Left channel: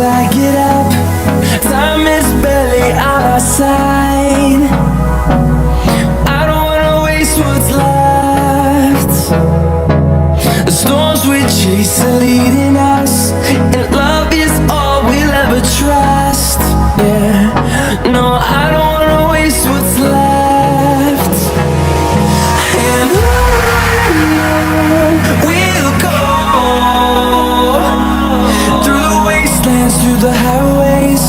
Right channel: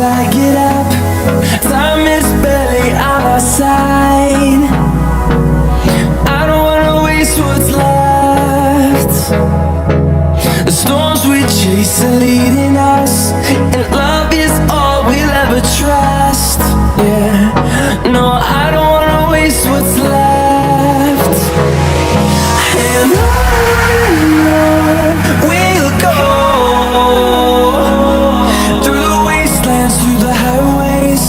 till I get up. Time is barely on our side. I don't wanna waste what's left. The storms we chase are leading us, and love is all we'll ever trust. Yeah, no, I don't wanna waste what's left. And on we'll go, through the wastelands, through the highways,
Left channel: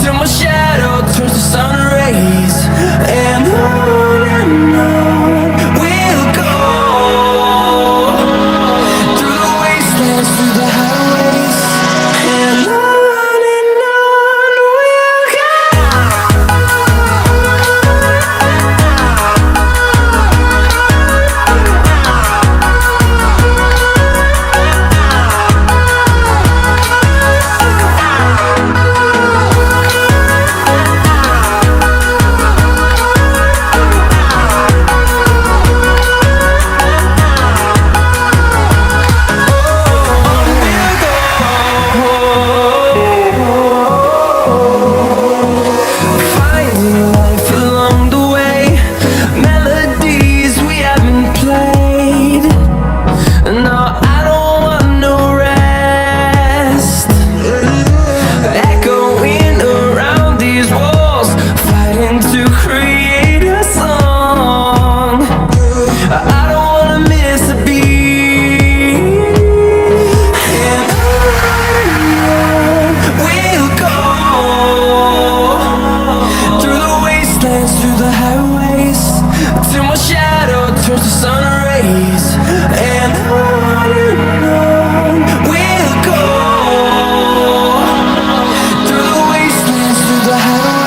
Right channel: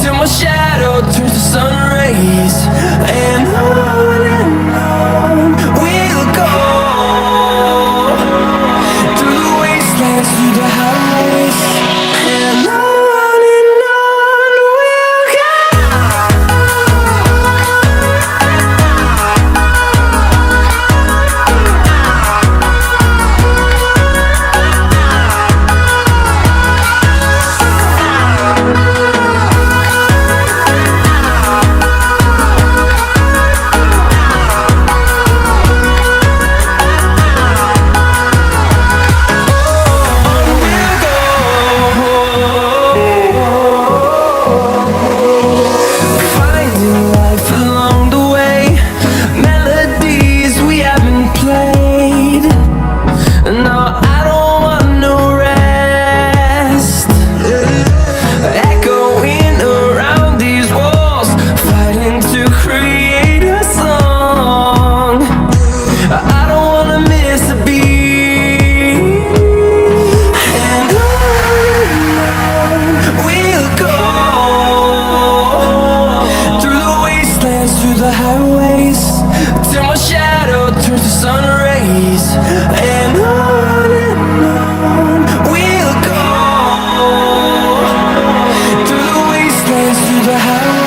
till my shadow turns to sun rays. And on we'll go, through the wastelands, through the highways, and on we'll go. Finding life along the way, melodies we haven't played. No, I don't want no rest. Echoing around these walls, fighting to create a song. I don't wanna miss a beat. And on we'll go, through the wastelands, through the highways, till my shadow turns to sun rays. And on we'll go, through the wastelands, through the highways.